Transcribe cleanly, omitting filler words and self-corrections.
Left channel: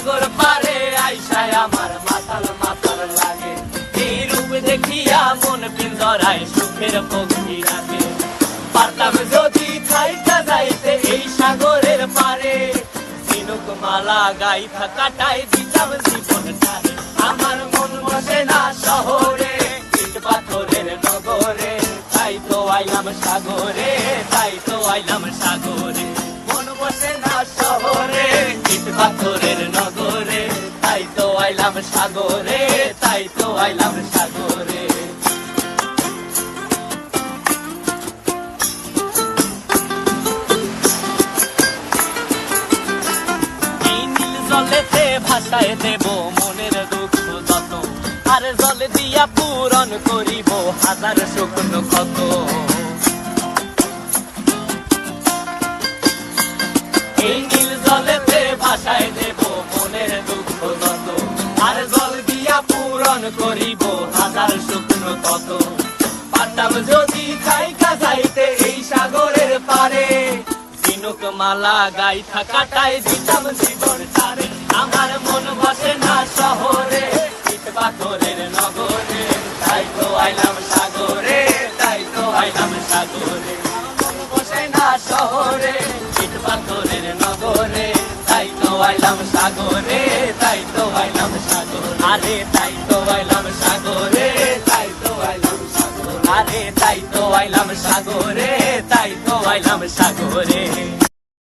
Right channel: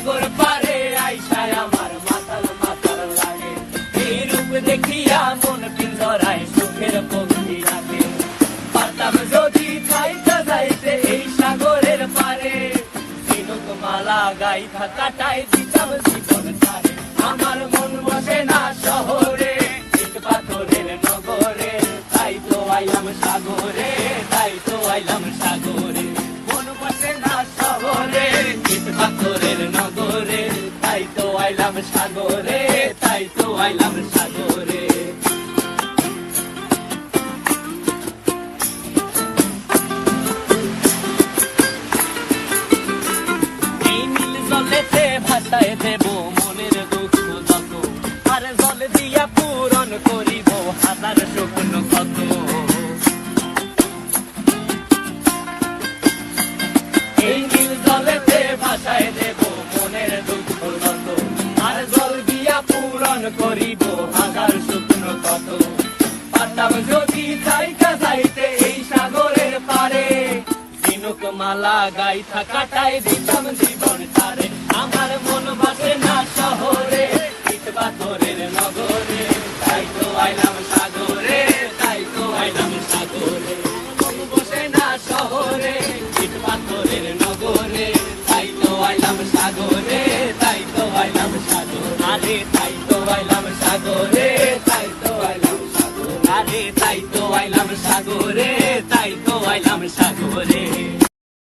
সাগর পারে আইসায় আমার মাতাল মাতাল লাগে। এই রূপ দেখিয়া মন পিঞ্জরায় সুখের পক্ষী রাখে। পারতাম যদি থাইকা যাইতে এই সাগরের পারে, ঝিনুক মালা গাইথা কাটায় দিতাম জীবনটারে। আমার মন বসে না শহরে, ইট পাথরের নগরে, তাই তো আইলাম সাগরে, তাই তো আইলাম সাগরে। মন বসে না শহরে, ইট পাথরের নগরে, তাই তো আইলাম সাগরে, তাই তো আইলাম সাগরে। এই নীল জলেতে ভাসায় দেব মনের দুঃখ যত, আর জল দিয়া পূরণ করিব হাজার স্বপ্ন কত। এই নীল জলেতে ভাসায় দেব মনের দুঃখ যত, আর জল দিয়া পূরণ করিব হাজার স্বপ্ন কত। পারতাম যদি থাইকা যাইতে এই সাগরের পারে, ঝিনুক মালা গাইথা কাটায় দিতাম জীবনটারে। আমার মন বসে না শহরে, ইট পাথরের নগরে, তাই তো আইলাম সাগরে, তাই তো আইলাম সাগরে। মন বসে না শহরে, ইট পাথরের নগরে, তাই তো আইলাম সাগরে,